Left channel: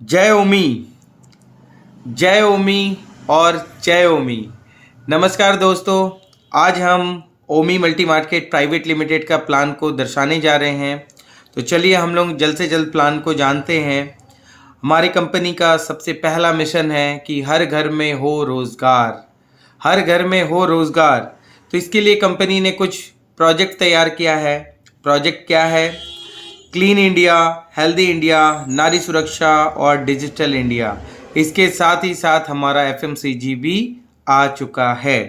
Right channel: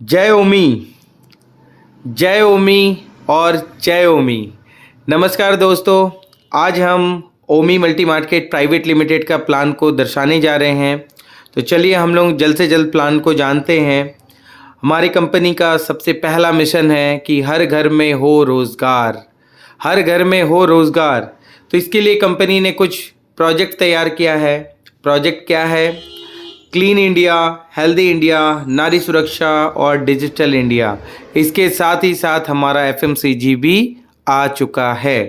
जय ओमी। जय ओमी और जय ओमी। नमस्कार दोस्तों, आज हम ओमी मल्टी मार्केट प्राइवेट लिमिटेड का प्लान को दर्शाने जा रहे हैं। तो चलिए हम लोग जल्द से जल्द प्लान को जानते हैं। हमारी कंपनी का सबसे पहला मिशन है कि हर घर में हो रोज़गार, हर घर में हो रोज़गार। तो इसके लिए कंपनी ने कुछ प्रोजेक्ट तैयार किया है। प्रोजेक्ट क्या है? क्लीन इंडिया, हेल्दी इंडिया, नारी सुरक्षा और डिजिटल इंडिया। इसके साथ ही साथ हमारा एफएमसीजी भी आ चुका है।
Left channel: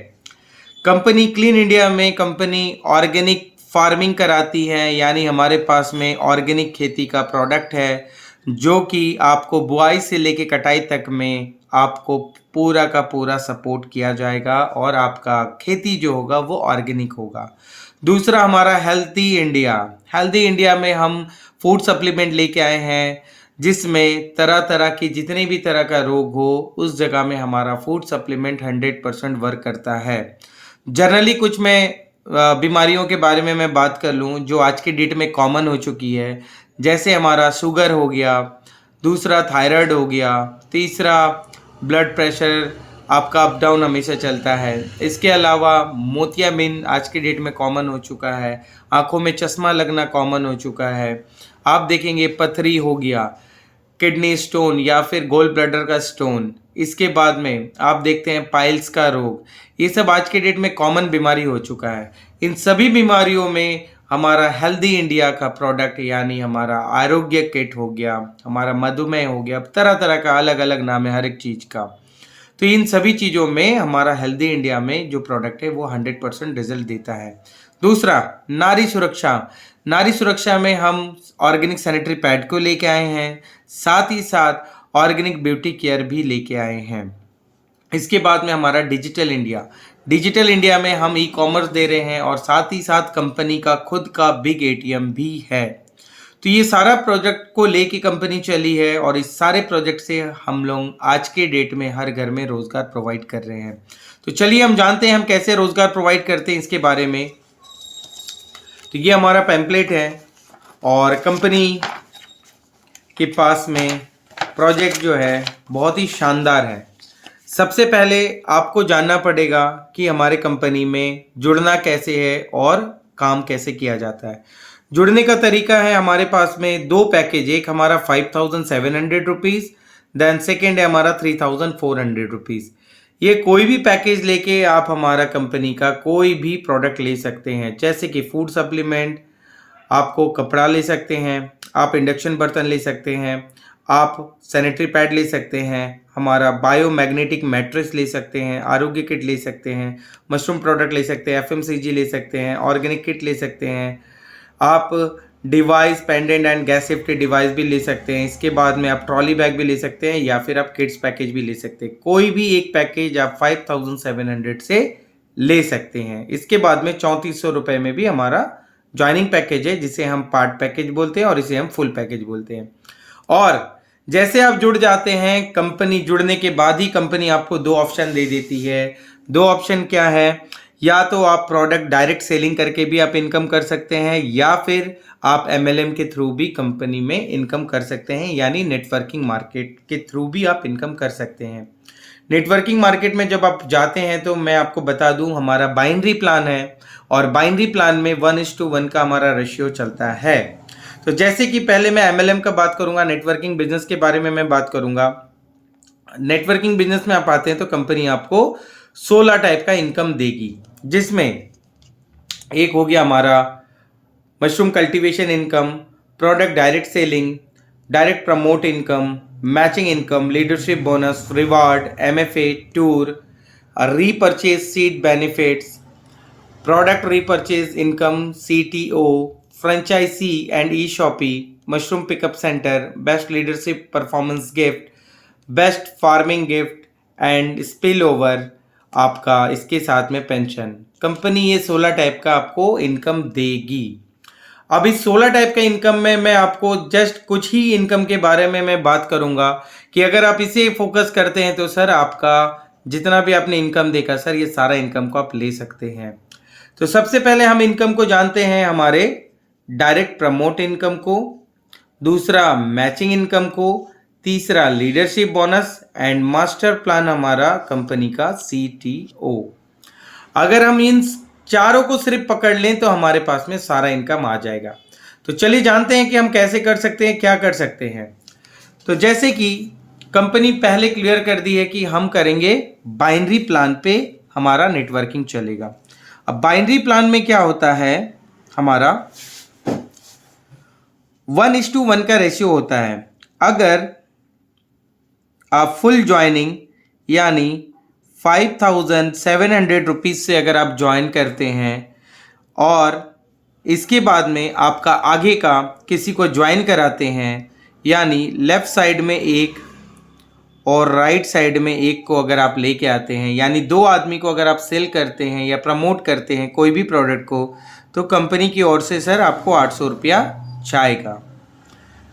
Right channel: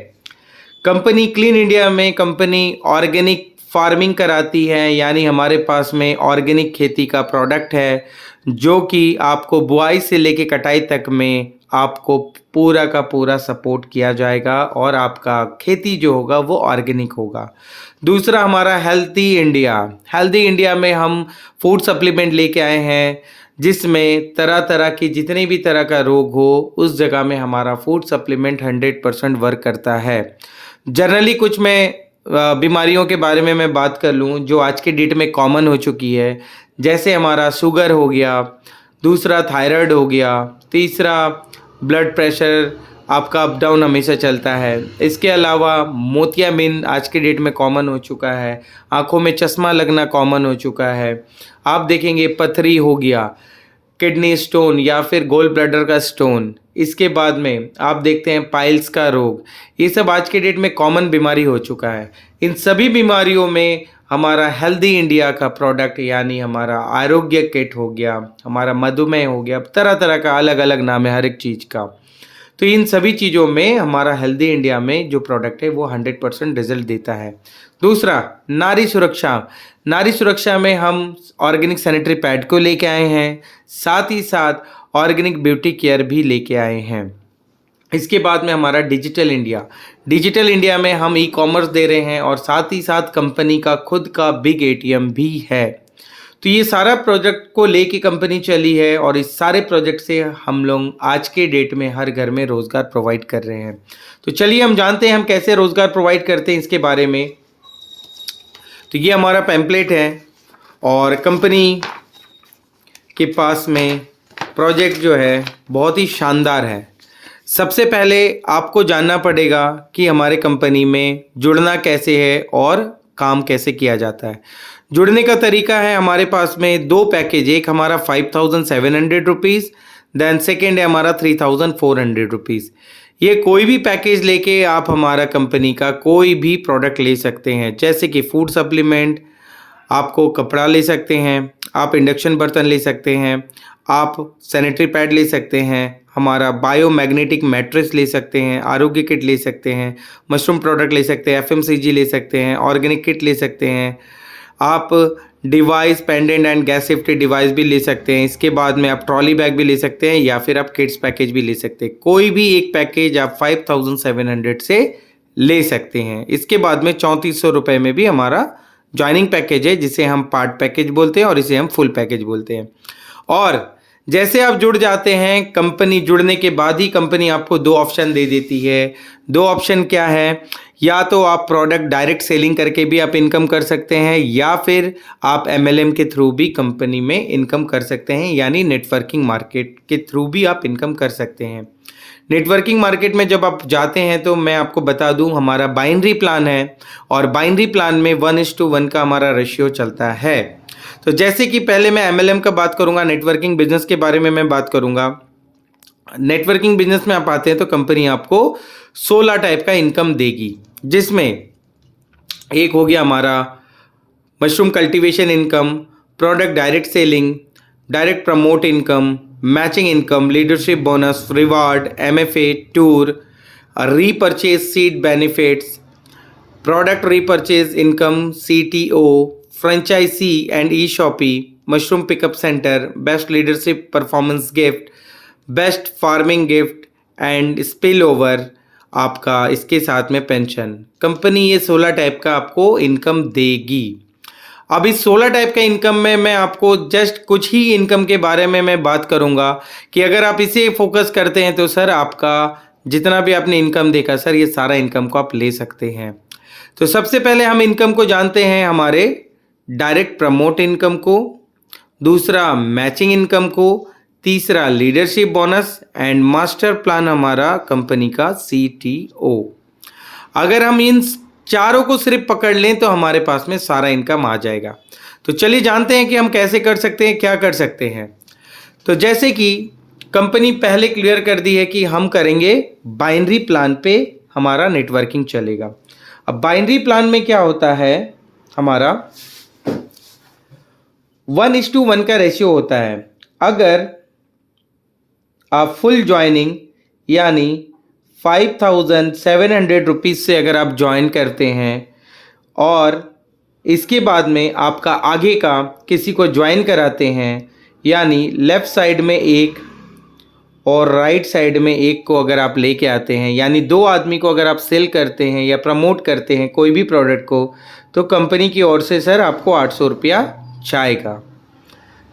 कंपनी क्लीन इंडिया में कंपनी ऑर्गेनिक फार्मिंग कराती है, यानी हमारे पास में ऑर्गेनिक खेती का प्रोडक्ट है जो कि आपको बुआई से लेके कटाई तक में आपको पूरा का पूरा सपोर्ट किया जाएगा और आपका खेती जो होगा वो ऑर्गेनिक होगा। दूसरा हमारा हेल्दी इंडिया। हेल्दी इंडिया में हम फूड सप्लीमेंट लेके आए हैं जिसमें तरह तरह की जितने भी तरह का रोग हो उस जगह में हमारा फूड सप्लीमेंट 100% वर्क करता है। जनरली कुछ मैं बीमारियों के बारे में मैं बात कर लूँ जो आज की डेट में कॉमन हो चुकी है, जैसे हमारा शुगर हो गया, दूसरा थायराइड हो गया, तीसरा ब्लड प्रेशर आपका अप डाउन हमेशा चलता है। इसके अलावा मोतियाबिंद आज की डेट में कॉमन हो चुका है, आँखों में चश्मा लगना कॉमन हो चुका है। आप देखेंगे पथरी हो गया, किडनी स्टोन या फिर गोल ब्लैडर का स्टोन। इसके बाद में आप देखते हैं पाइल्स का रोग। ये सब आज के डेट में कॉमन बीमारी हो चुका है। इन सभी बीमारियों में हमारा हेल्दी इंडिया का प्रोडक्ट यानी हमारा आरोग्य किट हो गया, हमारा मधुमेह हो गया, तरह तरह का अलग अलग नाम है हर एक चीज़ का। तो इन सभी चीज़ों में हमारा हेल्दी इंडिया में जो प्रोडक्ट है वो 100% रिजल्ट देता है। दूसरा नारी सुरक्षा। नारी सुरक्षा में हम ऑर्गेनिक सैनिटरी पैड को लेके आए हैं, साथ ही साथ ऑर्गेनिक ब्यूटी केयर भी लेके आए हैं। इसके बाद में हमारा डिजिटल इंडिया। डिजिटल इंडिया में हम ई कॉमर्स दे रहे हैं और साथ ही साथ कंपनी का खुद का बिग एटीएम भी है। तो ये सारा प्रोजेक्ट को लेके कंपनी चली है और इस सारे प्रोजेक्ट से हम लोग आज के डेट में हर घर में रोज़गार प्रोवाइड कर रहे हैं। तो चलिए हम जानते हैं हम कैसे रोज़गार प्रोवाइड करते हैं इसके बारे में। तो ये हमारा पैम्पलेट है और कंपनी के पास में प्रोजेक्ट जो है बहुत ही शानदार है। सबसे पहले आपको जानना पड़ेगा कि हमारे कंपनी में जुड़ना कैसे है और काम कैसे किया जाता है। जुड़ने का तरीका है, हमारे पास में दो पैकेज, एक हमारा 5700 रुपीज़, देन सेकेंड है हमारा 3400 रुपीज़। ये कोई भी पैकेज लेके आप हमारा कंपनी का कोई भी प्रोडक्ट ले सकते हैं, जैसे कि फूड सप्लीमेंट, आपको कपड़ा ले सकते हैं, आप इंडक्शन बर्तन ले सकते हैं, आप सैनिटरी पैड ले सकते हैं, हमारा बायोमैग्नेटिक मैट्रेस ले सकते हैं, आरोग्य किट ले सकते हैं, मशरूम प्रोडक्ट ले सकते हैं, एफएमसीजी ले सकते हैं, ऑर्गेनिक किट ले सकते हैं, आप device pendant and gas safety device भी ले सकते हैं। इसके बाद में आप ट्रॉली बैग भी ले सकते हैं या फिर आप किड्स पैकेज भी ले सकते हैं। कोई भी एक पैकेज आप 5700 से ले सकते हैं। इसके बाद में 3400 रुपये में भी हमारा ज्वाइनिंग पैकेज है जिसे हम पार्ट पैकेज बोलते हैं और इसे हम फुल पैकेज बोलते हैं। और जैसे आप जुड़ जाते हैं, कंपनी जुड़ने के बाद ही कंपनी आपको दो ऑप्शन दे देती है। दो ऑप्शन क्या है? या तो आप प्रोडक्ट डायरेक्ट सेलिंग करके भी आप इनकम कर सकते हैं या फिर आप एमएलएम के थ्रू भी कंपनी में इनकम कर सकते हैं, यानी नेटवर्किंग मार्केट के थ्रू भी आप इनकम कर सकते हैं। नेटवर्किंग मार्केट में जब आप जाते हैं तो मैं आपको बता दूं हमारा बाइनरी प्लान है और बाइनरी प्लान में 1:1 का हमारा रेशियो चलता है। तो जैसे कि पहले मैं एमएलएम का बात करूंगा, नेटवर्किंग बिजनेस के बारे में मैं बात करूंगा। नेटवर्किंग बिजनेस में आप आते हैं तो कंपनी आपको 16 टाइप का इनकम देगी, जिसमें एक हो गया हमारा mushroom cultivation income, product direct selling, direct promote income, matching income, leadership bonus, reward, MFA, tour, repurchase seed benefits, product repurchase income, CTO, franchisee and e shoppe, mushroom pickup centre, best leadership performance gift, best farming gift and spill over आपका, इसके साथ में pension. Company ये 16 type का आपको income देगी। अब इस 16 टाइप का इनकम में मैं आपको जस्ट कुछ ही इनकम के बारे में मैं बात करूंगा कि अगर आप इसे फोकस करते हैं तो सर आपका जितना भी आपने इनकम देखा सर ये सारा इनकम को आप ले सकते हैं। तो सबसे पहले हम इनकम को जानते हैं हमारे डायरेक्ट प्रमोट इनकम को, दूसरा मैचिंग इनकम को, तीसरा leadership bonus and master plan हमारा कंपनी का CTO। अगर हम इन चारों को सिर्फ पकड़ लें तो हमारे पास में सारा इनकम आ जाएगा। तो चलिए जानते हैं कि हम कैसे कर सकते हैं, क्या कर सकते हैं। तो जैसे कि कंपनी पहले क्लियर कर दी है कि हम करेंगे बाइनरी प्लान पे हमारा नेटवर्किंग चलेगा। अब बाइनरी प्लान में क्या होता है, हमारा 1:1 का रेशियो होता है। अगर आप फुल ज्वाइनिंग यानी 5,700 रुपीज़ से अगर आप ज्वाइन करते हैं और इसके बाद में आपका आगे का किसी को ज्वाइन कराते हैं, यानी लेफ़्ट साइड में एक और राइट साइड में एक को अगर आप लेके आते हैं, यानी 2 आदमी को अगर आप सेल करते हैं या प्रमोट करते हैं कोई भी प्रोडक्ट को, तो कंपनी की ओर से सर आपको 800 रुपया जाएगा।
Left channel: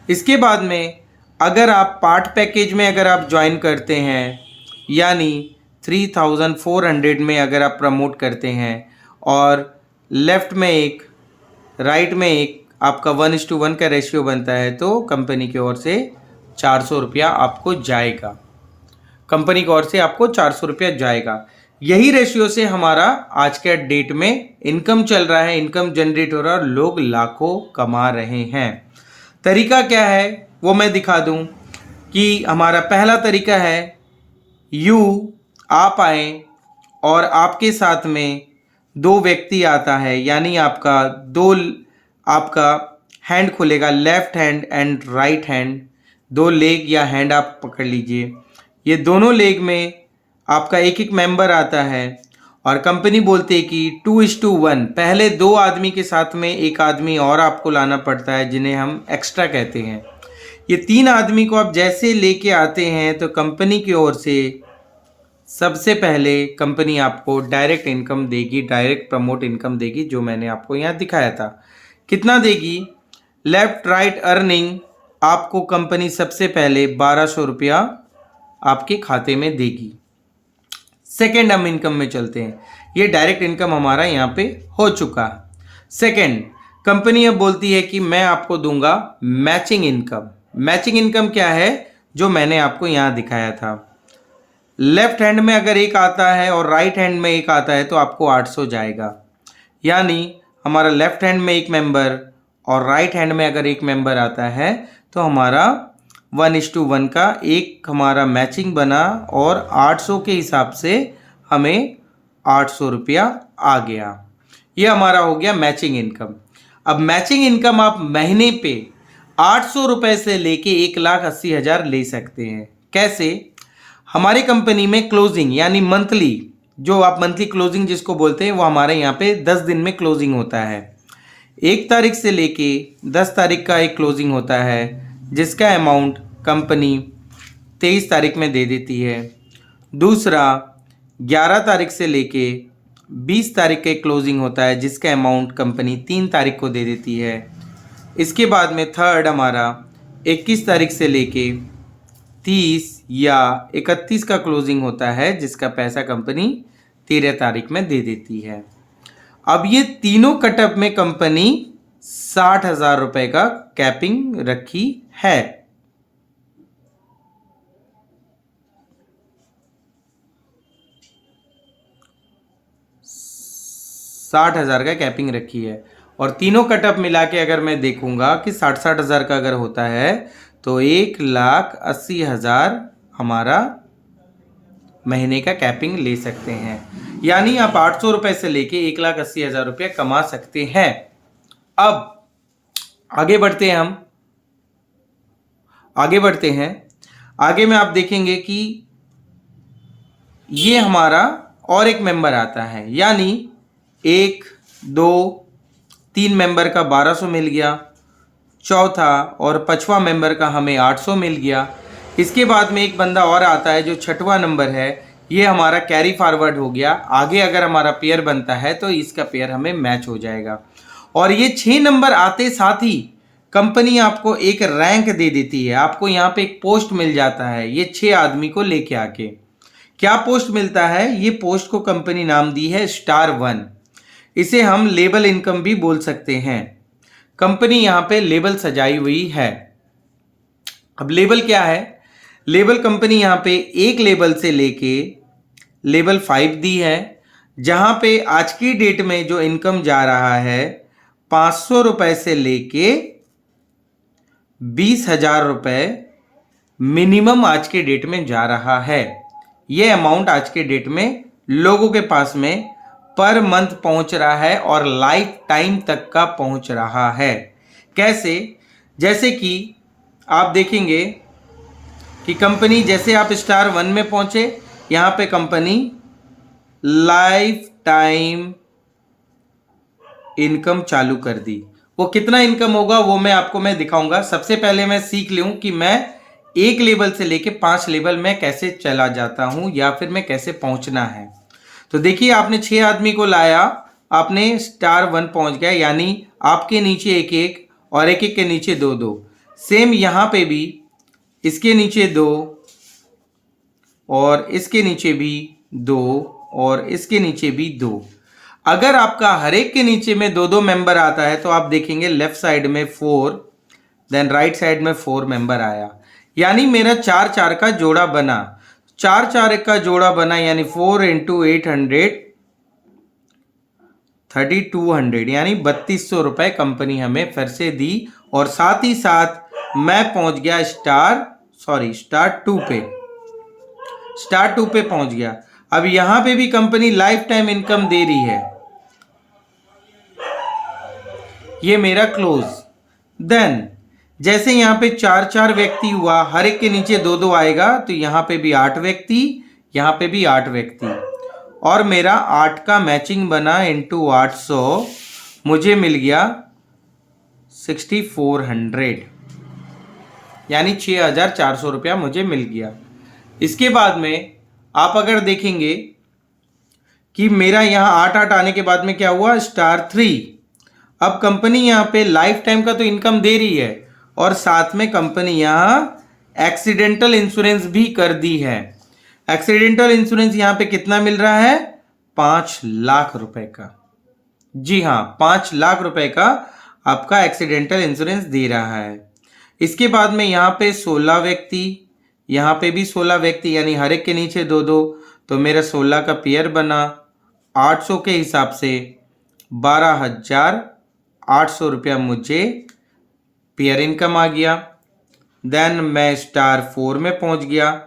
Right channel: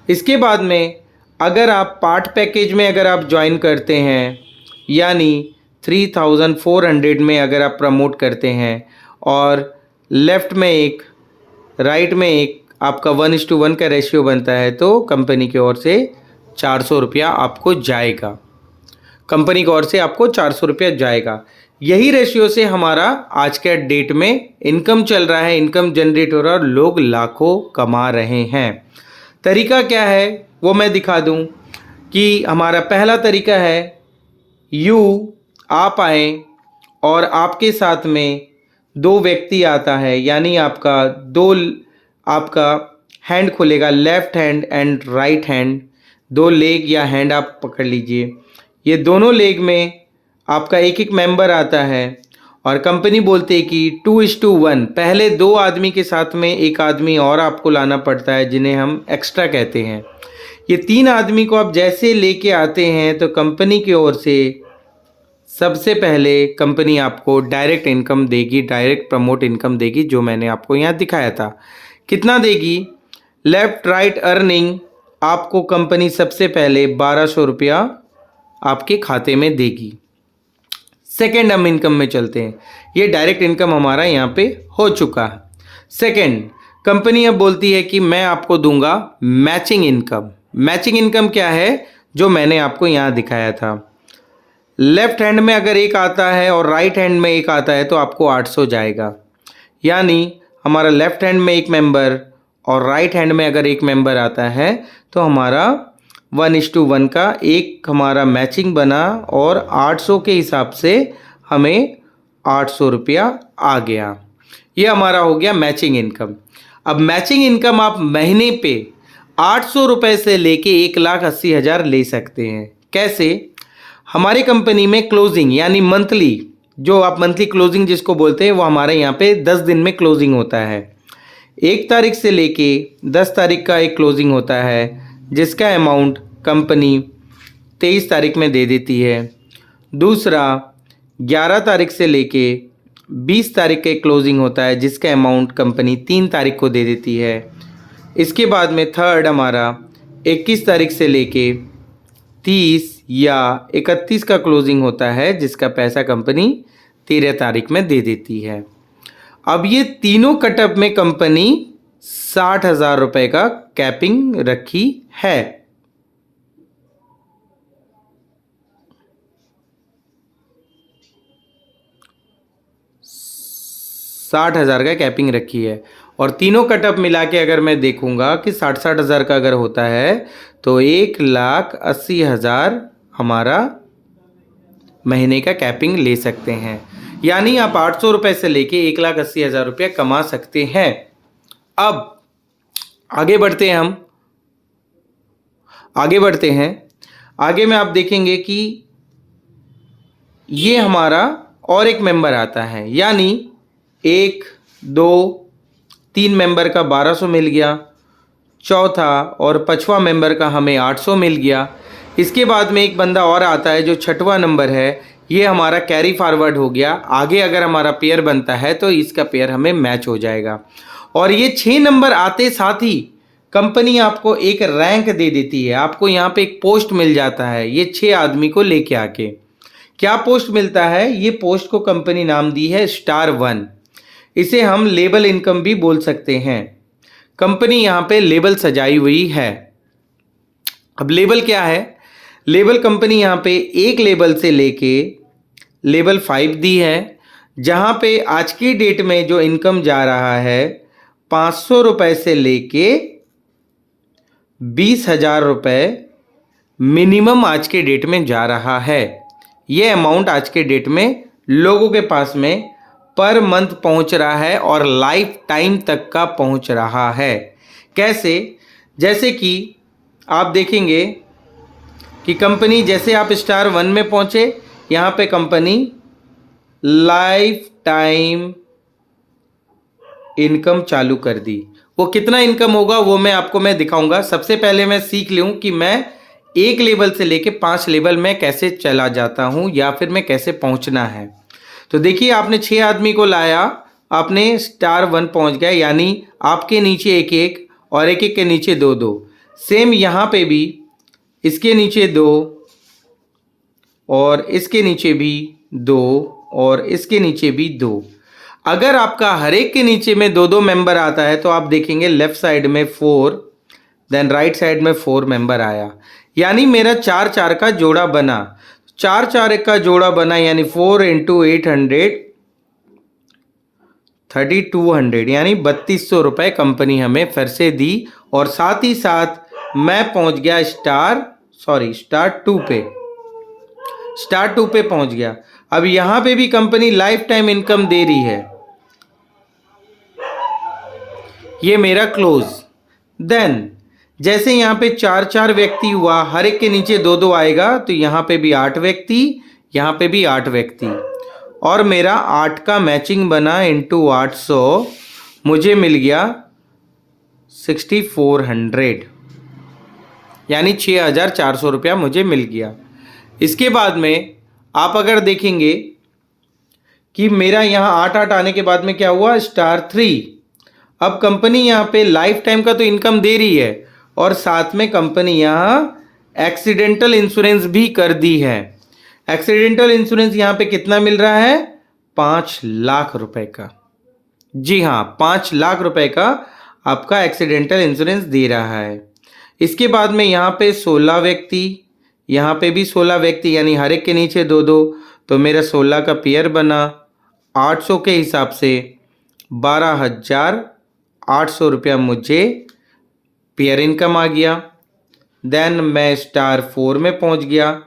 इसके बाद में अगर आप पार्ट पैकेज में अगर आप ज्वाइन करते हैं, यानी 3,400 में अगर आप प्रमोट करते हैं और लेफ़्ट में एक राइट में एक आपका 1:1 का रेशियो बनता है, तो कंपनी की ओर से 400 रुपया आपको जाएगा। कंपनी की ओर से आपको 400 रुपया जाएगा। यही रेशियो से हमारा आज के डेट में इनकम चल रहा है, इनकम जनरेट हो रहा है और लोग लाखों कमा रहे हैं। तरीका क्या है वो मैं दिखा दूं कि हमारा पहला तरीका है, आप आए और आपके साथ में 2 व्यक्ति आता है, यानी आपका हैंड खुलेगा, left hand and right hand, 2 leg या हैंड आप पकड़ लीजिए। ये दोनों लेग में आपका एक मेंबर आता है और कंपनी बोलती है कि 2:1, पहले 2 आदमी के साथ में एक आदमी और आपको लाना पड़ता है, जिन्हें हम एक्स्ट्रा कहते हैं। ये 3 आदमी को आप जैसे लेके आते हैं तो कंपनी की ओर से सबसे पहले कंपनी आपको डायरेक्ट इनकम देगी, डायरेक्ट प्रमोट इनकम देगी, जो मैंने आपको यहाँ दिखाया था। कितना देगी? लेफ्ट राइट अर्निंग आपको कंपनी सबसे पहले 1200 रुपया आपके खाते में देगी। सेकेंड हम इनकम में चलते हैं। ये डायरेक्ट इनकम हमारा यहाँ पे हो चुका है। सेकेंड, कंपनी अब बोलती है कि मैं आपको दूंगा मैचिंग इनकम। मैचिंग इनकम क्या है? जो मैंने आपको यहाँ दिखाया था। लेफ्ट हैंड में अगर एक आता है और राइट हैंड में एक आता है तो आपको 800 जाएगा। यानी हमारा लेफ्ट हैंड में एक मेंबर और राइट हैंड में अगर एक मेंबर आता है तो हमारा 1:1 का एक हमारा मैचिंग बना और 800 के हिसाब से हमें 800 रुपया आ गया। ये हमारा हो गया मैचिंग इनकम। अब मैचिंग इनकम आप महीने पे 800 रुपये से लेके 1,80,000 ले सकते हैं। कैसे? हमारी कंपनी में क्लोजिंग यानी मंथली, जो आप मंथली क्लोजिंग जिसको बोलते हैं, वो हमारे यहाँ पे 10 दिन में क्लोजिंग होता है। 1 तारीख से लेके 10 तारीख का एक क्लोजिंग होता है, जिसका अमाउंट कंपनी 23 तारीख में दे देती है। दूसरा 11 तारीख से लेके 20 तारीख का एक क्लोजिंग होता है, जिसका अमाउंट कंपनी 3 तारीख को दे देती है। इसके बाद में थर्ड हमारा 21 तारीख से लेके 30 या 31 का क्लोजिंग होता है, जिसका पैसा कंपनी 13 तारीख में दे देती है। अब ये तीनों कटअप में कंपनी 60,000 रुपये का कैपिंग रखी है। 60,000 का कैपिंग रखी है और तीनों कटअप मिला के अगर मैं देखूंगा कि 60,000 का अगर होता है तो 1,80,000 हमारा महीने का कैपिंग ले सकते हैं। यानी आप 800 रुपये से लेके 1,80,000 रुपया कमा सकते हैं। अब आगे बढ़ते हैं आगे में आप देखेंगे कि ये हमारा और एक मेंबर आता है, यानी 1, 2, 3 मेंबर का 1200 मिल गया, चौथा और 5वां मेंबर का हमें 800 मिल गया। इसके बाद में एक बंदा और आता है जो 6वां नंबर है, ये हमारा कैरी फॉरवर्ड हो गया। आगे अगर हमारा पेयर बनता है तो इसका पेयर हमें मैच हो जाएगा। और ये 6 नंबर आते साथ ही कंपनी आपको एक रैंक दे देती है, आपको यहाँ पे एक पोस्ट मिल जाता है। ये 6 आदमी को लेके आके क्या पोस्ट मिलता है? ये पोस्ट को कंपनी नाम दी है स्टार 1। इसे हम लेबल इनकम भी बोल सकते हैं। कंपनी यहाँ पे लेबल सजाई हुई है। अब लेबल क्या है? लेबल कंपनी यहाँ पे एक लेबल से लेके लेबल 5 दी है, जहाँ पे आज की डेट में जो इनकम जा रहा है 500 रुपये से लेके 20,000 रुपये मिनिमम आज के डेट में जा रहा है। ये अमाउंट आज के डेट में लोगों के पास में पर मंथ पहुंच रहा है और लाइफ टाइम तक का पहुंच रहा है। कैसे? जैसे कि आप देखेंगे कि कंपनी, जैसे आप स्टार 1 में पहुंचे, यहाँ पे कंपनी लाइफ टाइम इनकम चालू कर दी। वो कितना इनकम होगा वो मैं दिखाऊंगा। सबसे पहले मैं सीख लूँ कि मैं एक लेवल से लेके 5 लेवल में कैसे चला जाता हूँ या फिर मैं कैसे पहुँचना है। तो देखिए, आपने 6 आदमी को लाया, आपने स्टार 1 पहुँच गया, यानी आपके नीचे एक एक और एक एक के नीचे 2-2। सेम यहाँ पे भी इसके नीचे 2 और इसके नीचे भी 2 और इसके नीचे भी 2। अगर आपका हर एक के नीचे में 2-2 मेंबर आता है तो आप देखेंगे लेफ्ट साइड में 4, देन राइट साइड में 4 मेंबर आया, यानी मेरा 4-4 का जोड़ा बना। 4-4 का जोड़ा बना यानी 4 × 800 3200, यानी 3200 रुपये कंपनी हमें फिर से दी। और साथ ही साथ मैं पहुंच गया स्टार 2 पे। स्टार 2 पे पहुंच गया। अब यहां पे भी कंपनी लाइफ टाइम इनकम दे रही है। ये मेरा क्लोज। देन जैसे यहाँ पे 4-4 व्यक्ति हुआ, हर एक के नीचे 2-2 आएगा, तो यहाँ पे भी 8 व्यक्ति, यहाँ पे भी 8 व्यक्ति, और मेरा 8 का मैचिंग बना इंटू 800, मुझे मिल गया 6400, यानी 6400 रुपया मुझे मिल गया। इसके बाद में आप अगर देखेंगे कि मेरा यहाँ 8-8 आने के बाद में क्या हुआ, स्टार 3। अब कंपनी यहाँ पे लाइफ टाइम का तो इनकम दे रही है और साथ में कंपनी यहाँ एक्सीडेंटल इंश्योरेंस भी कर दी है। एक्सीडेंटल इंश्योरेंस यहाँ पे कितना मिल रहा है, 5 लाख रुपए का। जी हाँ, 5 लाख रुपए का आपका एक्सीडेंटल इंश्योरेंस दे रहा है। इसके बाद में यहाँ पे 16 व्यक्ति, यहाँ पे भी 16 व्यक्ति, यानी हर एक के नीचे 2-2, तो मेरा 16 का पेयर बना। 800 के हिसाब से 12,800 रुपया मुझे पेयर इनकम आ गया। देन मैं स्टार 4 में पहुंच गया।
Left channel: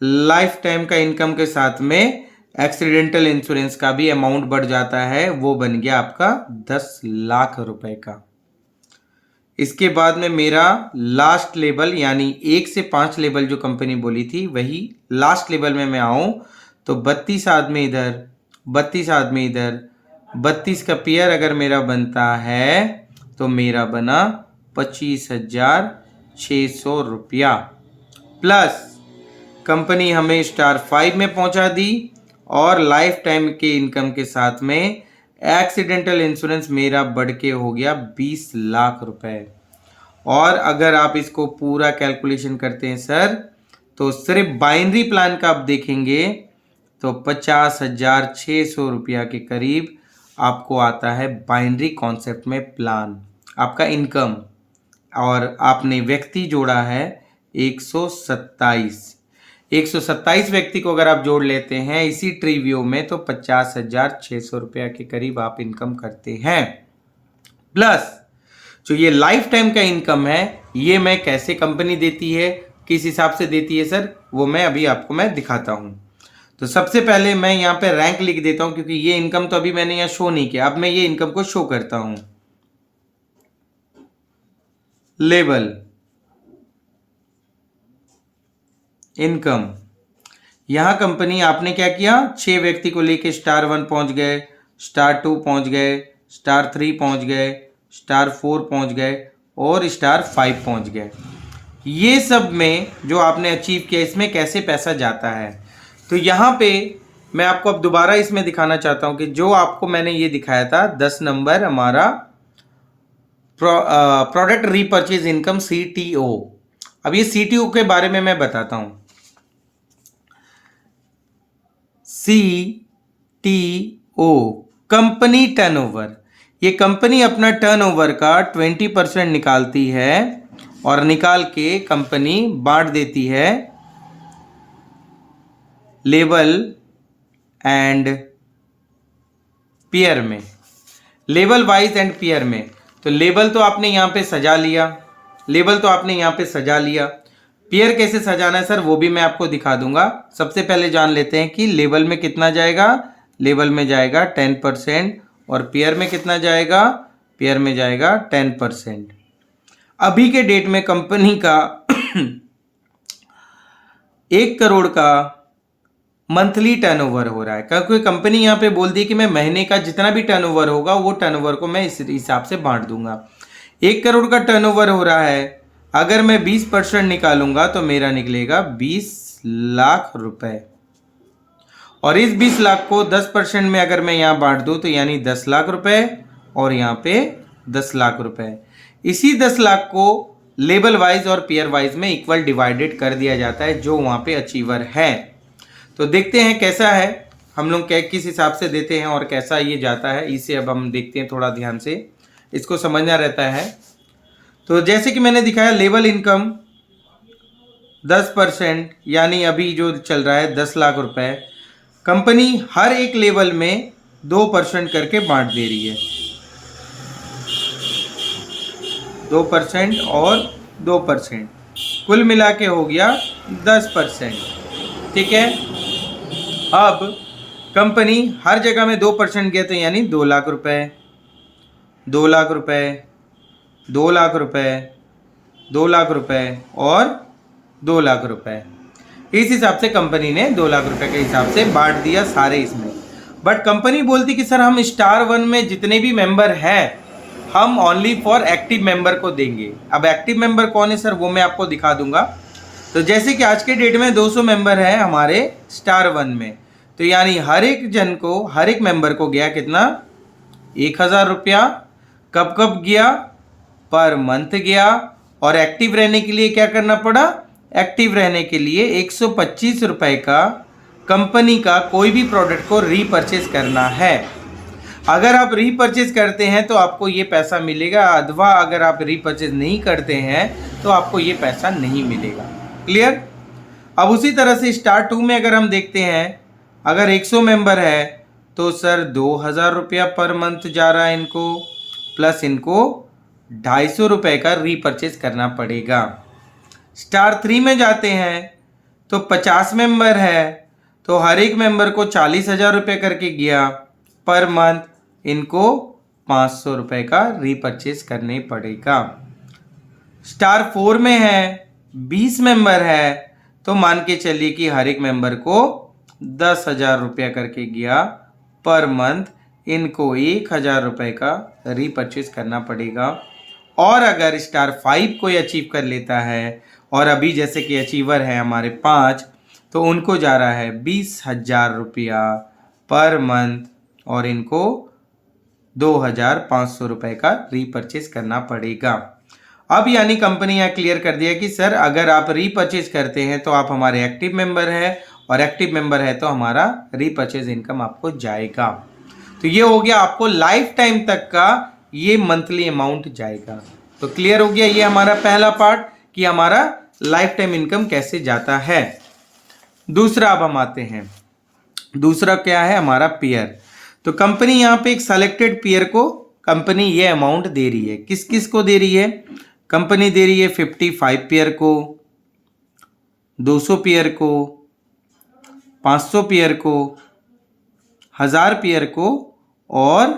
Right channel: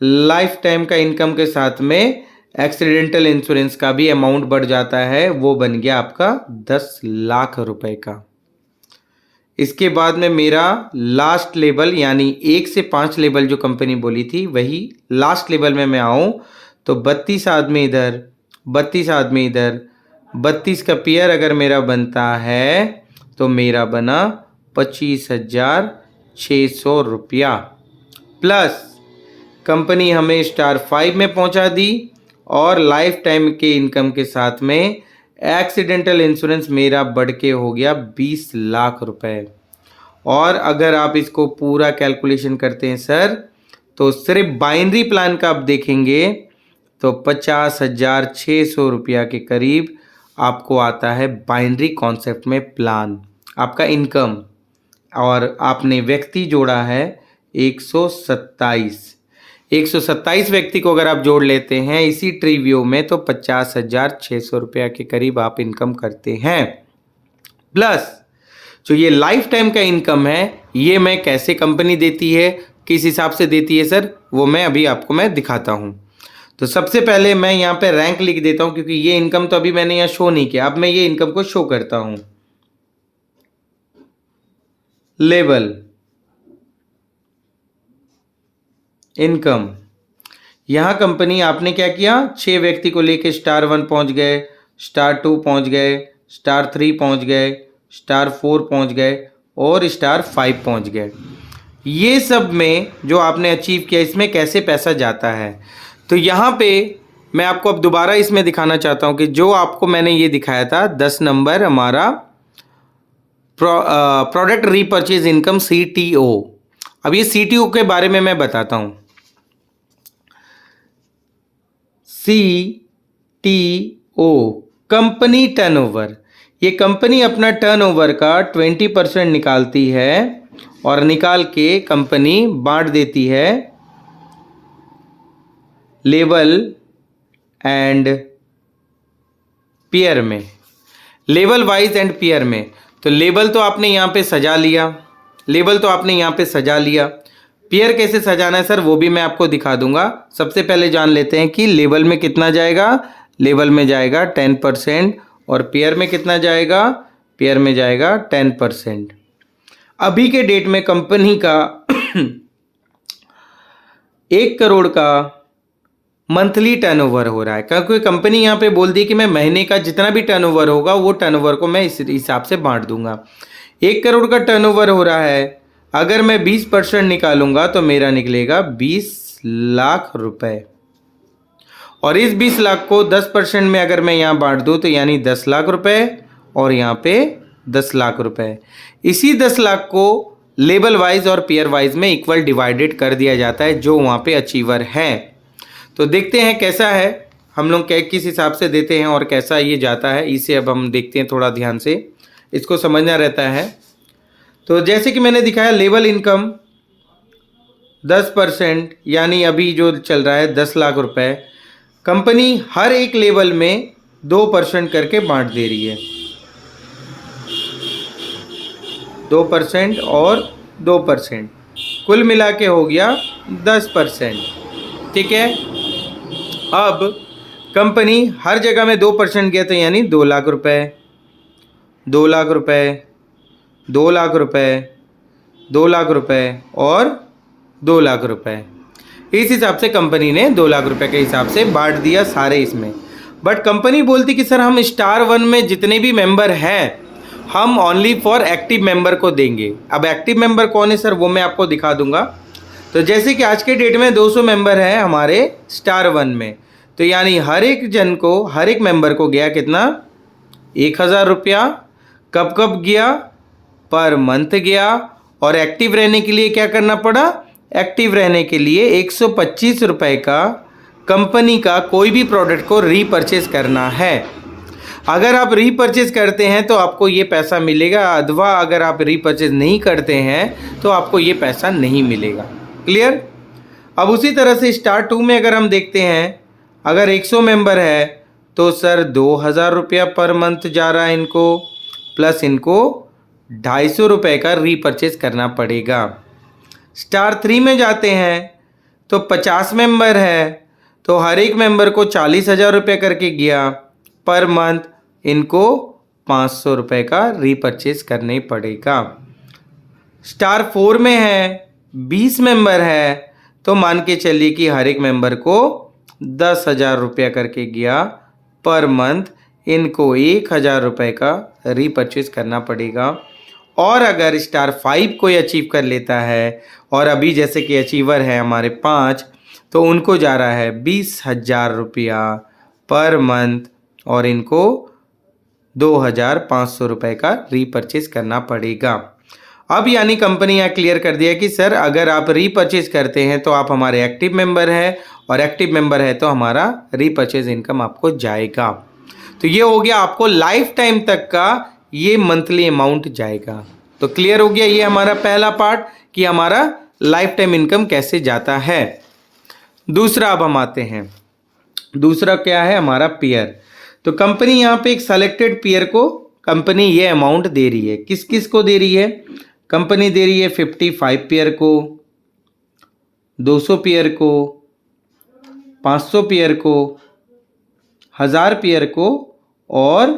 लाइफ टाइम का इनकम के साथ में एक्सीडेंटल इंश्योरेंस का भी अमाउंट बढ़ जाता है, वो बन गया आपका 10 लाख रुपए का। इसके बाद में मेरा लास्ट लेवल, यानी 1 से 5 लेवल जो कंपनी बोली थी, वही लास्ट लेवल में मैं आऊँ तो 32 आदमी इधर, 32 आदमी इधर, 32 का पेयर अगर मेरा बनता है तो मेरा बना 25,600 रुपया। प्लस कंपनी हमें स्टार 5 में पहुंचा दी और लाइफ टाइम के इनकम के साथ में एक्सीडेंटल इंश्योरेंस मेरा बढ़ के हो गया 20 लाख रुपए। और अगर आप इसको पूरा कैलकुलेशन करते हैं सर, तो सिर्फ बाइनरी प्लान का आप देखेंगे तो 50,600 रुपया के करीब आपको आता है बाइनरी कॉन्सेप्ट में प्लान, आपका इनकम। और आपने व्यक्ति जोड़ा है 127 व्यक्ति को अगर आप जोड़ लेते हैं इसी ट्री व्यू में तो 50,600 रुपया के करीब आप इनकम करते हैं। प्लस जो ये लाइफ टाइम का इनकम है, ये मैं कैसे कंपनी देती है, किस हिसाब से देती है सर, वो मैं अभी आपको मैं दिखाता हूँ। तो सबसे पहले मैं यहाँ पे रैंक लिख देता हूँ, क्योंकि ये इनकम तो अभी मैंने यहाँ शो नहीं किया। अब मैं ये इनकम को शो करता हूँ। लेवल इनकम, यहाँ कंपनी आपने क्या किया, 6 व्यक्ति को लेके स्टार 1 पहुँच गए, स्टार 2 पहुँच गए, स्टार 3 पहुँच गए, स्टार 4 पहुँच गए और स्टार 5 पहुँच गए। ये सब में जो आपने अचीव किया, इसमें कैसे पैसा जाता है, तो यहाँ पे मैं आपको अब दोबारा इसमें दिखाना चाहता हूँ कि जो आपको मैंने ये दिखाया था 10 नंबर हमारा प्रोडक्ट रीपर्चेज इनकम CTO। अब ये CTO के बारे में मैं बताता हूँ। CTO कंपनी टर्नओवर, ये कंपनी अपना टर्नओवर का 20% निकालती है और निकाल के कंपनी बांट देती है लेवल एंड पेयर में, लेवल वाइज एंड पेयर में। तो लेवल तो आपने यहाँ पे सजा लिया, लेवल तो आपने यहाँ पे सजा लिया। पेयर कैसे सजाना है सर, वो भी मैं आपको दिखा दूंगा। सबसे पहले जान लेते हैं कि लेवल में कितना जाएगा। लेवल में जाएगा 10% और पेयर में कितना जाएगा, पेयर में जाएगा 10%। अभी के डेट में कंपनी का 1 करोड़ का मंथली टर्नओवर हो रहा है। क्योंकि कंपनी यहाँ पे बोल दी कि मैं महीने का जितना भी टर्नओवर होगा वो टर्नओवर को मैं इस हिसाब से बांट दूंगा। 1 करोड़ का टर्नओवर हो रहा है, अगर मैं 20% निकालूंगा तो मेरा निकलेगा 20 लाख रुपए। और इस 20 लाख को 10% में अगर मैं यहाँ बांट दूँ तो यानी 10 लाख रुपए और यहाँ पे 10 लाख रुपए। इसी 10 लाख को लेवल वाइज और पेयर वाइज में इक्वल डिवाइडेड कर दिया जाता है जो वहाँ पे अचीवर है। तो देखते हैं कैसा है, हम लोग क्या किस हिसाब से देते हैं और कैसा ये जाता है, इसे अब हम देखते हैं। थोड़ा ध्यान से इसको समझना रहता है। तो जैसे कि मैंने दिखाया लेवल इनकम 10%, यानी अभी जो चल रहा है 10 लाख रुपए, कंपनी हर एक लेवल में 2% करके बांट दे रही है। 2% और 2%, कुल मिला के हो गया 10%। ठीक है, अब कंपनी हर जगह में 2% गया तो यानी 2 लाख रुपए, 2 लाख रुपए, 2 लाख रुपए, 2 लाख रुपए और 2 लाख रुपए। इस हिसाब से कंपनी ने 2 लाख रुपए के हिसाब से बांट दिया सारे इसमें। बट कंपनी बोलती कि सर हम स्टार 1 में जितने भी मेंबर हैं हम ओनली फॉर एक्टिव मेंबर को देंगे। अब एक्टिव मेंबर कौन है सर, वो मैं आपको दिखा दूंगा। तो जैसे कि आज के डेट में 200 मेंबर हैं हमारे स्टार 1 में, तो यानी हर एक जन को, हर एक मेंबर को गया कितना, 1000 रुपया। कब कब गया, पर मंथ गया। और एक्टिव रहने के लिए क्या करना पड़ा, एक्टिव रहने के लिए 125 रुपये का कंपनी का कोई भी प्रोडक्ट को रीपरचेज करना है। अगर आप रीपरचेज करते हैं तो आपको ये पैसा मिलेगा, अथवा अगर आप रीपरचेज नहीं करते हैं तो आपको ये पैसा नहीं मिलेगा। क्लियर। अब उसी तरह से स्टार 2 में अगर हम देखते हैं, अगर 100 मेंबर है तो सर 2000 रुपया पर मंथ जा रहा है इनको, प्लस इनको 250 रुपये का रीपरचेज करना पड़ेगा। स्टार 3 में जाते हैं तो 50 मेंबर है तो हर एक मेंबर को 40,000 रुपये करके गया, पर मंथ इनको 500 रुपये का रीपरचेज करने पड़ेगा। स्टार 4 में है, 20 मेंबर है तो मान के चलिए कि हर एक मेंबर को 10,000 रुपया करके गया, पर मंथ इनको 1,000 रुपये का रीपरचेज करना पड़ेगा। और अगर स्टार 5 कोई अचीव कर लेता है, और अभी जैसे कि अचीवर है हमारे 5, तो उनको जा रहा है 20,000 रुपया पर मंथ और इनको 2,500 रुपये का रीपरचेज करना पड़ेगा। अब यानी कंपनी यहाँ क्लियर कर दिया कि सर अगर आप रीपरचेज करते हैं तो आप हमारे एक्टिव मेंबर हैं, और एक्टिव मेंबर है तो हमारा रीपरचेज इनकम आपको जाएगा। तो ये हो गया आपको लाइफ टाइम तक का ये मंथली अमाउंट जाएगा। तो क्लियर हो गया ये हमारा पहला पार्ट कि हमारा लाइफ टाइम इनकम कैसे जाता है। दूसरा अब हम आते हैं, दूसरा क्या है हमारा पेयर। तो कंपनी यहाँ पे एक सेलेक्टेड पेयर को कंपनी ये अमाउंट दे रही है। किस किस को दे रही है, कंपनी दे रही है 55 पेयर को, 200 पेयर को, 500 पेयर को, 1000 पेयर को और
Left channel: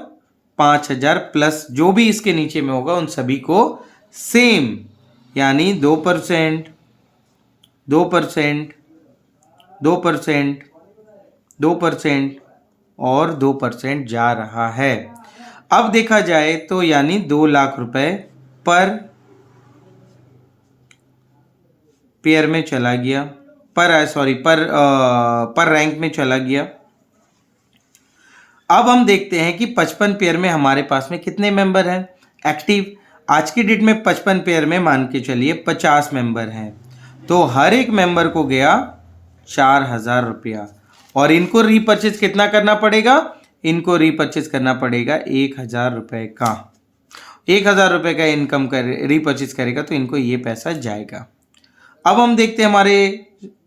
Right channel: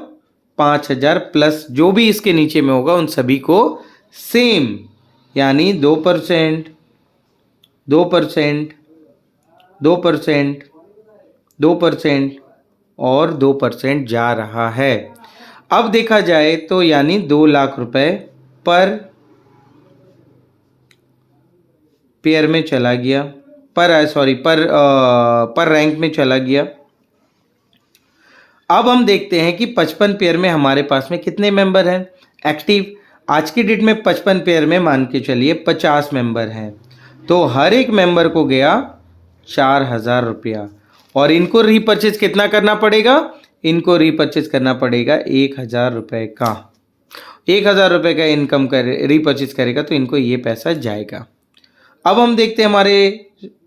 5000 प्लस जो भी इसके नीचे में होगा उन सभी को सेम, यानी 2%, 2%, 2%, 2% और 2% जा रहा है। अब देखा जाए तो यानी 2 लाख रुपए पर पेयर में चला गया, पर रैंक में चला गया। अब हम देखते हैं कि 55 पेयर में हमारे पास में कितने मेंबर हैं एक्टिव। आज की डेट में 55 पेयर में मान के चलिए 50 मेंबर हैं, तो हर एक मेंबर को गया 4,000 रुपया। और इनको रीपरचेज कितना करना पड़ेगा, इनको रीपरचेज करना पड़ेगा 1,000 रुपये का। 1,000 रुपये का इनकम कर रीपरचेज करेगा तो इनको ये पैसा जाएगा। अब हम देखते हैं हमारे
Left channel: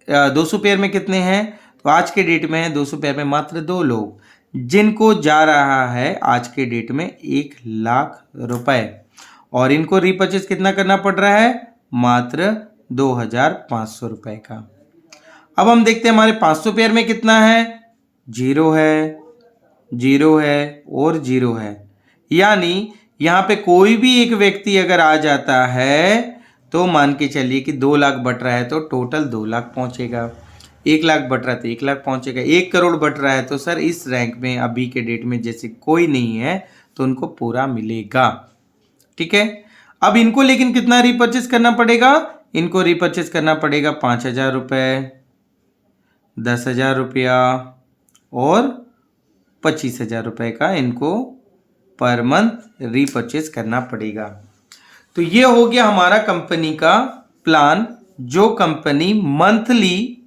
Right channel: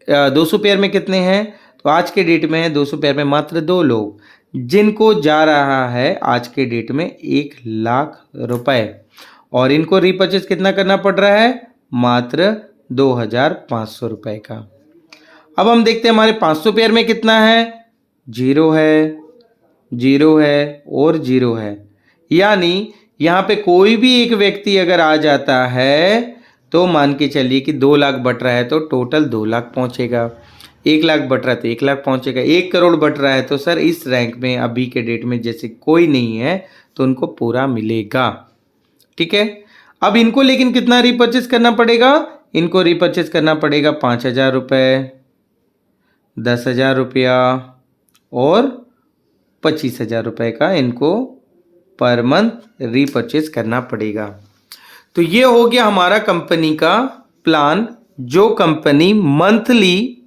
200 पेयर में कितने हैं, तो आज के डेट में है 200 पेयर में मात्र 2 लोग, जिनको जा रहा है आज के डेट में 1,00,000 रुपए, और इनको रीपर्चेस कितना करना पड़ रहा है, मात्र 2,500 रुपए का। अब हम देखते हैं हमारे 500 पेयर में कितना है, 0 है, 0 है और 0 है। यानी यहाँ पे कोई भी एक व्यक्ति अगर आ जाता है तो मान के चलिए कि 2 लाख बट रहा है तो टोटल 2 लाख पहुँचेगा, 1 लाख बट रहा है तो 1 लाख पहुँचेगा, 1 करोड़ बट रहा है तो सर इस रैंक में अभी के डेट में जैसे कोई नहीं है तो उनको पूरा मिलेगा। ठीक है, अब इनको लेकिन कितना रिपर्चेस करना पड़ेगा, इनको रिपर्चेस करना पड़ेगा 5,000 रुपये, 10,000 रुपया और 25,000 रुपये का इनको पर मंथ रीपर्चेस करना पड़ेगा। तो ये हो गया हमारा कंपनी का प्लान, जो कंपनी मंथली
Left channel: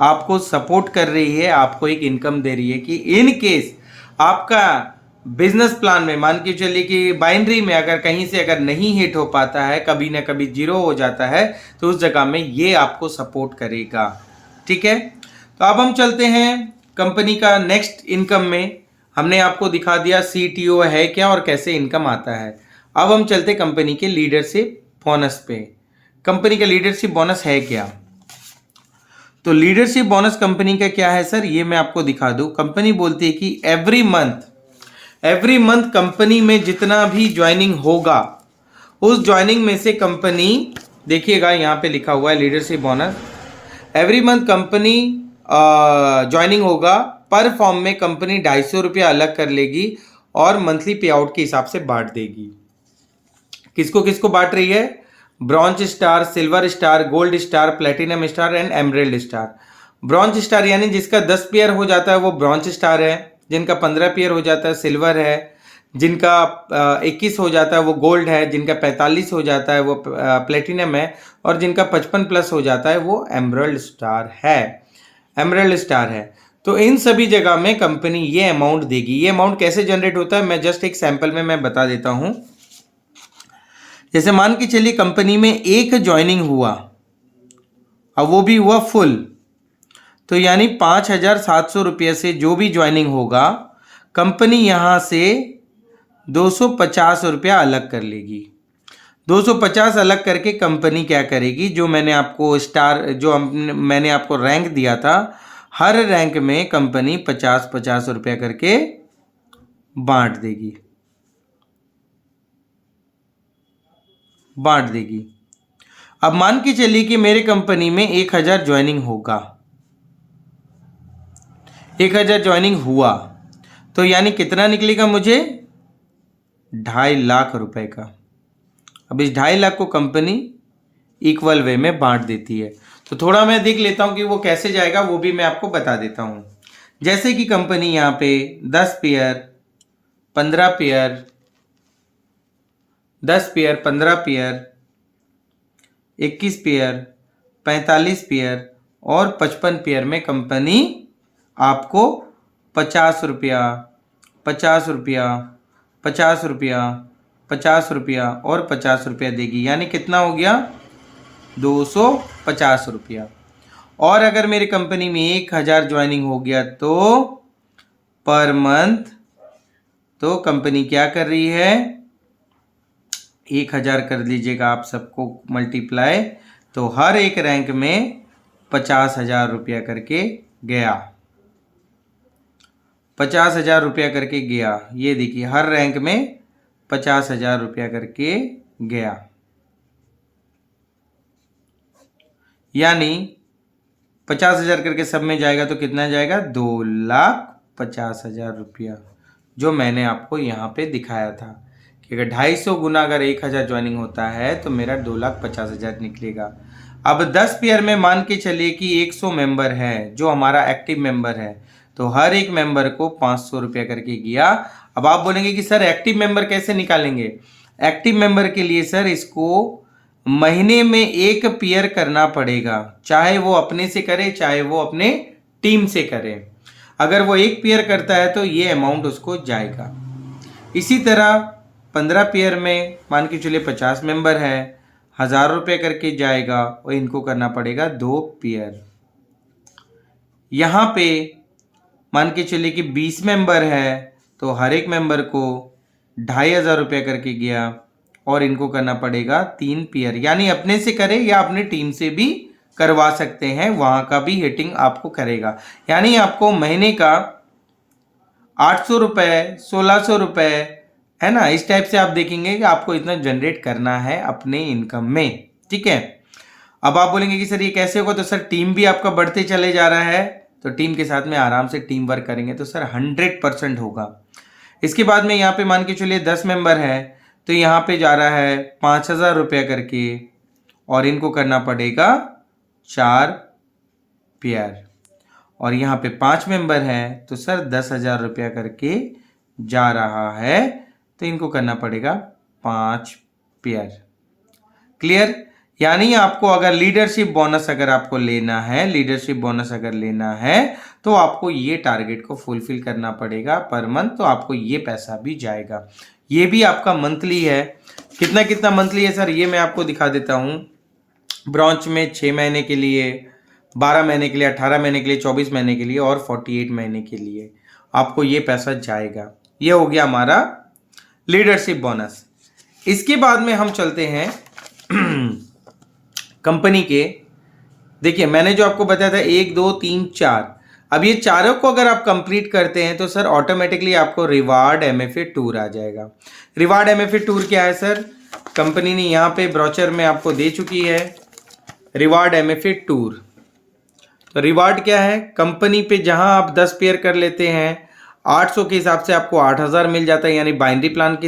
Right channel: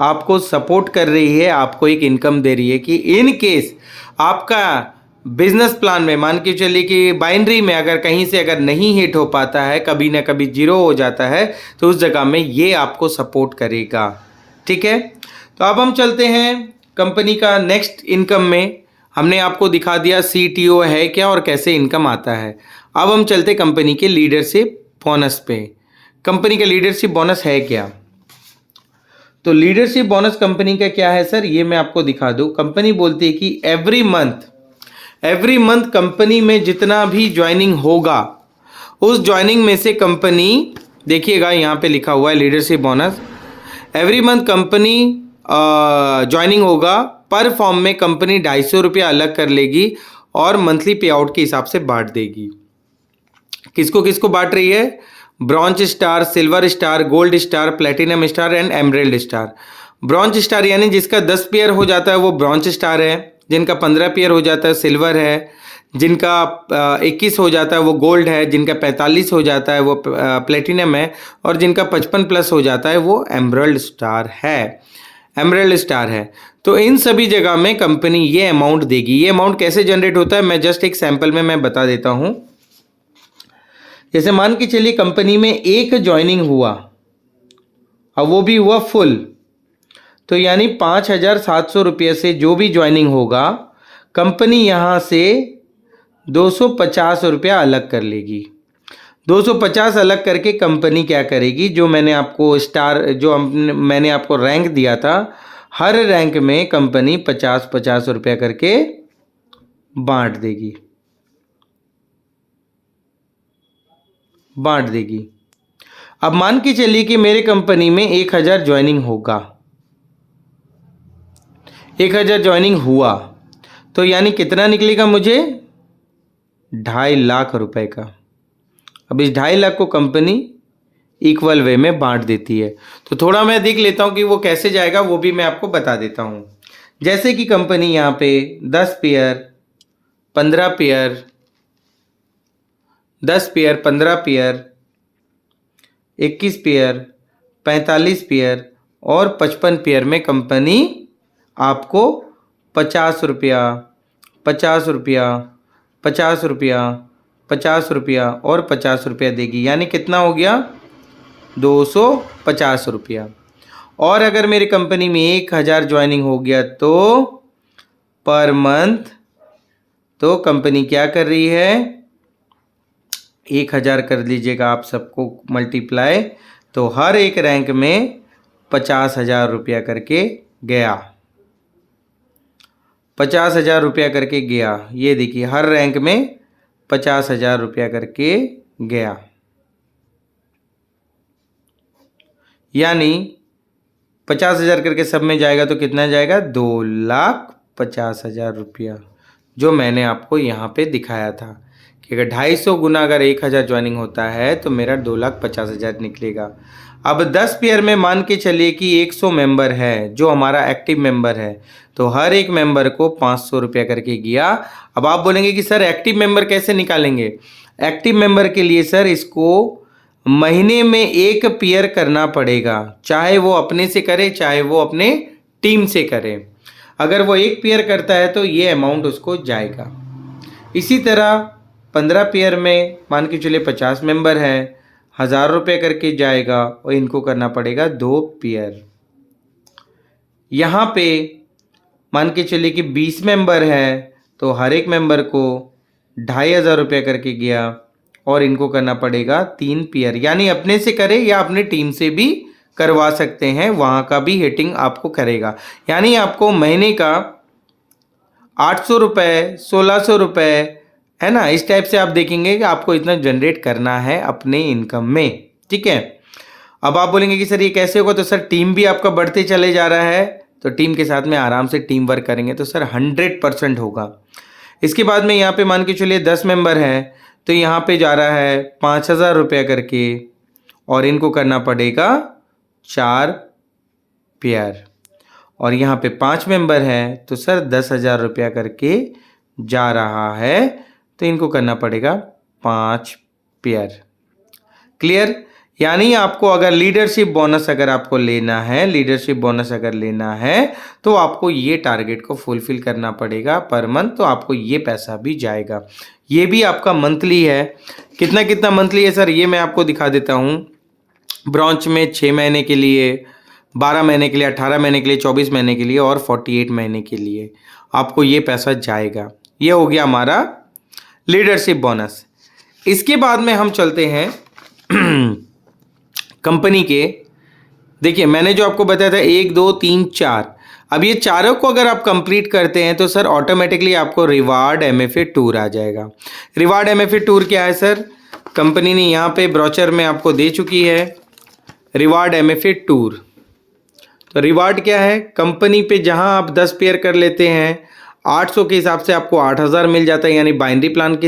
आपको सपोर्ट कर रही है, आपको एक इनकम दे रही है कि इन केस आपका बिजनेस प्लान में मान के चलिए कि बाइनरी में अगर कहीं से अगर नहीं हिट हो पाता है, कभी ना कभी जीरो हो जाता है, तो उस जगह में ये आपको सपोर्ट करेगा। ठीक है, तो अब हम चलते हैं कंपनी का नेक्स्ट इनकम में। हमने आपको दिखा दिया CTO है क्या और कैसे इनकम आता है। अब हम चलते कंपनी के लीडरशिप बोनस पे। कंपनी का लीडरशिप बोनस है क्या, तो लीडरशिप बोनस कंपनी का क्या है सर, ये मैं आपको दिखा दूं। कंपनी बोलती है कि एवरी मंथ कंपनी में जितना भी ज्वाइनिंग होगा, उस ज्वाइनिंग में से कंपनी, देखिएगा यहाँ पे लिखा हुआ है leadership bonus, every month company joining होगा, पर फॉर्म में कंपनी 250 रुपया अलग कर लेगी और मंथली पे आउट के हिसाब से बांट देगी। किसको किसको बांट रही है, bronze star, silver star, gold star, platinum star and emerald star. Bronze star यानी जिसका 10 पेयर हो जाता है वो ब्रॉन्ज स्टार है, जिनका 15 पेयर हो जाता है सिल्वर है, जिनका 21 हो जाता है वो गोल्ड है, जिनका 45 हो जाता है वो प्लेटिनम है, और जिनका 55 प्लस हो जाता है वो एमरेल्ड स्टार है। तो इन सभी जगह में कंपनी ये अमाउंट देगी। ये अमाउंट कैसे जनरेट होता है, मैं जस्ट एक सैंपल में मैं बता देता हूं। जैसे मान के चलिए कंपनी में एक ज्वाइनिंग हुआ, अब वो भी हुआ फुल, तो यानी 5,700 रुपये से जो भी ज्वाइनिंग होगा, कंपनी यहाँ से 250 रुपया अलग कर लेगी। 250 अलग करके कंपनी क्या करेगी, जो मैंने आपको रैंक दिया था, हर रैंक में कंपनी 50-50 रुपया करके बांट देगी। अब मान के चलिए कि मेरे कंपनी में 1,000 ज्वाइनिंग होगा, 1,000 ज्वाइनिंग हुआ, तो यानी कितना निकलेगा मुझे, 2.5 लाख रुपए का। अब इस 2.5 लाख को कंपनी इक्वल वे में बांट देती है। तो थोड़ा मैं देख लेता हूं कि वो कैसे जाएगा, वो भी मैं आपको बता देता हूं। जैसे कि कंपनी यहाँ पे 10 pair, 15 pair, 10 pair, 15 pair, 21 pair, 45 pair और 55 पेयर में कंपनी आपको 50 रुपया, 50 रुपया, 50 रुपया, 50 रुपया और 50 रुपया देगी। यानी कितना हो गया, 250 रुपया। और अगर मेरी कंपनी में 1,000 ज्वाइनिंग हो गया तो पर मंथ, तो कंपनी क्या कर रही है, 1,000 कर लीजिएगा आप सबको मल्टीप्लाई, तो हर एक रैंक में 50,000 रुपया करके गया, 50,000 रुपया करके गया। ये देखिए हर रैंक में 50,000 रुपया करके गया, यानी 50,000 करके सब में जाएगा तो कितना जाएगा, 2,50,000 रुपया, जो मैंने आपको यहाँ पे दिखाया था कि अगर 250 गुना अगर 1,000 ज्वाइनिंग होता है तो मेरा 2,50,000 निकलेगा। अब 10 पेयर में मान के चलिए कि 100 मेंबर है जो हमारा एक्टिव मेंबर है, तो हर एक मेंबर को 500 रुपया करके गया। अब आप बोलेंगे कि सर एक्टिव मेंबर कैसे निकालेंगे, एक्टिव मेंबर के लिए सर इसको महीने में एक पेयर करना पड़ेगा, चाहे वो अपने से करे चाहे वो अपने टीम से करे। अगर वो एक पेयर करता है तो ये अमाउंट उसको जाएगा। इसी तरह 15 पेयर में मान के चलिए 50 मेंबर है, ₹1000 करके जाएगा और इनको करना पड़ेगा 2 पेयर। यहाँ पे मान के चलिए कि 20 मेंबर है तो हर एक मेंबर को ₹2500 करके गया और इनको करना पड़ेगा 3 पेयर। यानी अपने से करें या अपने टीम से भी करवा सकते हैं, वहाँ का भी हिटिंग आपको करेगा। यानी आपको महीने का ₹800, ₹1600 है ना, इस टाइप से आप देखेंगे कि आपको इतना जनरेट करना है अपने इनकम में। ठीक है, अब आप बोलेंगे कि सर ये कैसे होगा? तो सर टीम भी आपका बढ़ते चले जा रहा है, तो टीम के साथ में आराम से टीम वर्क करेंगे तो सर 100% होगा। इसके बाद में यहाँ पे मान के चलिए 10 मेंबर है तो यहाँ पे जा रहा है ₹5000 करके और इनको करना पड़ेगा 4 पेयर। और यहाँ पे 5 मेंबर है तो सर ₹10,000 करके जा रहा है, तो इनको करना पड़ेगा 5 पेयर। क्लियर? यानी आपको अगर लीडरशिप बोनस अगर आपको लेना है, लीडरशिप बोनस अगर लेना है तो आपको ये टारगेट को फुलफिल करना पड़ेगा पर मंथ, तो आपको ये पैसा भी जाएगा। ये भी आपका मंथली है। कितना कितना मंथली है सर, ये मैं आपको दिखा देता हूँ। ब्रॉन्च में 6 महीने के लिए, 12 महीने के लिए, 18 महीने के लिए, 24 महीने के लिए और 48 महीने के लिए आपको ये पैसा जाएगा। ये हो गया हमारा लीडरशिप बोनस। इसके बाद में हम चलते हैं कंपनी के। देखिए मैंने जो आपको बताया था 1 2 3 4, अब ये चारों को अगर आप कंप्लीट करते हैं तो सर ऑटोमेटिकली आपको रिवार्ड एमएफए टूर आ जाएगा। रिवार्ड एमएफए टूर क्या है सर? कंपनी ने यहाँ पे ब्रोचर में आपको दे चुकी है रिवार्ड एमएफए टूर। तो रिवार्ड क्या है? कंपनी पे जहाँ आप 10 पेयर कर लेते हैं 800 के हिसाब से आपको 8000 मिल जाता है, यानी बाइनरी प्लान के